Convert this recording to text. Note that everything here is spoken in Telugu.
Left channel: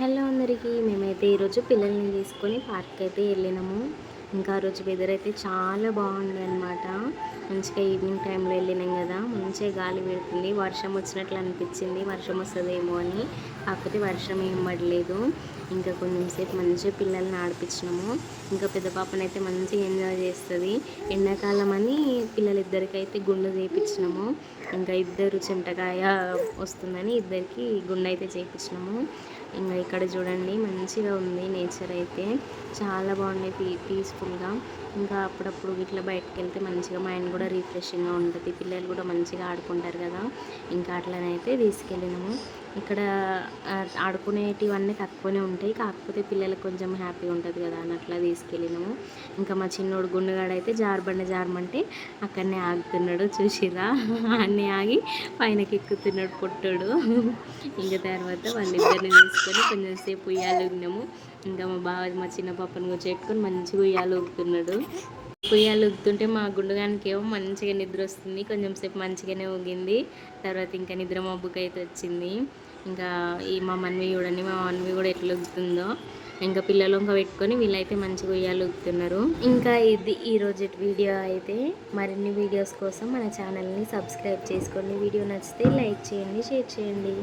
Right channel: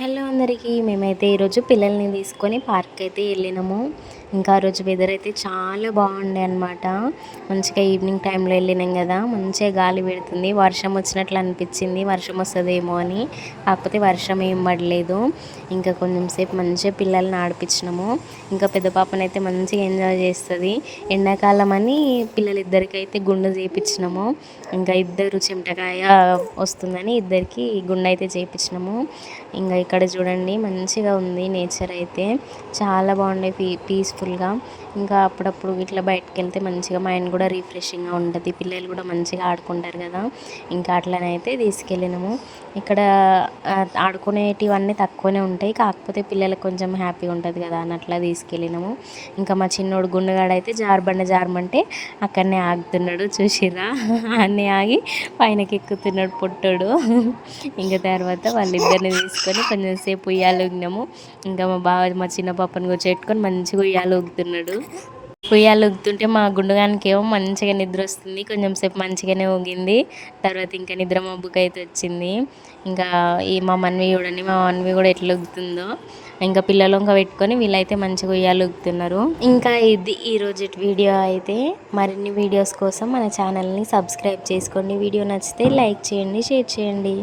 హలో అందరికీ, మేమైతే ఈరోజు పిల్లల్ని తీసుకొని పార్క్ అయితే వెళ్ళినాము. ఇంకా ఆ రోజు వెదర్ అయితే చాలా బాగుండే అనమాట. మంచిగా ఈవినింగ్ టైంలో వెళ్ళినాం కదా, మంచిగా గాలి పెడుతుంది. వర్షం వచ్చినట్లు అనిపించింది, వర్షం వస్తుందేమో అని. కాకపోతే వర్షం ఏం పడలేదు. ఇంకా కొంచెం సేపు మంచిగా పిల్లల్ని ఆడిపించినాము. ఇంకా పెద్ద పాపనైతే మంచిగా ఎంజాయ్ చేస్తుంది. ఎండాకాలం అని పిల్లలిద్దరికైతే గుండు చేయించినాము. ఇంకా ఇద్దరు చెమటకాయ వస్తుందని ఇద్దరికి గుండు అయితే చేయించినాము. ఇంకా ఇక్కడ చూడండి మంచిగా ఉంది నేచర్ అయితే, చాలా బాగుండే పీస్ఫుల్గా. ఇంకా అప్పుడప్పుడు ఇట్లా బయటకు వెళ్తే మంచిగా మైండ్ కూడా రిఫ్రెషింగ్గా ఉంటుంది. పిల్లలు కూడా మంచిగా ఆడుకుంటారు కదా, ఇంకా అట్లనైతే తీసుకెళ్ళినాము. ఇక్కడ ఆడుకునేటివన్నీ తక్కువనే ఉంటాయి, కాకపోతే పిల్లలకు కొంచెం హ్యాపీగా ఉంటుంది కదా అని అట్లా తీసుకెళ్ళినాము. ఇంకా మా చిన్నోడు గుండెగాడైతే జారమంటే అక్కడనే ఆగుతున్నాడు, చూసిర్రా? అన్నీ ఆగి పైనకి ఎక్కుతున్నాడు పొట్టోడు. ఇంకా తర్వాత వాళ్ళిద్దరిని తీసుకొని కొంచెం సేపు ఉయ్యాలు ఊగినాము. ఇంకా మా చిన్న పాపను కూర్చోబెట్టుకొని మంచిగా ఉయ్యాలు ఊగుతున్నాడు. ఉయ్యాలు ఊగుతుంటే మా గుండుగానికి ఏమో మంచిగా నిద్ర వస్తుంది. కొంచెం సేపు మంచిగానే ఊగింది, తర్వాత ఇంకా నిద్ర మబ్బుకి అయితే వచ్చింది. ఇంకా మా మన్వి చూడండి, మా మన్వి కూడా ఎట్లా ఊగుతుందో. ఇంకా పిల్లలు ఇంకా పెట్టుకొని వీళ్ళైతే మంచిగా ఉయ్యాలు ఊగుతున్నారు. ఇంకా ఇది ఈరోజు వీడియో అయితే. మరిన్ని వీడియోస్ కోసం మన ఛానల్ని సబ్స్క్రైబ్ చేసుకోండి. వీడియో నచ్చితే లైక్ చేయండి, షేర్ చేయండి.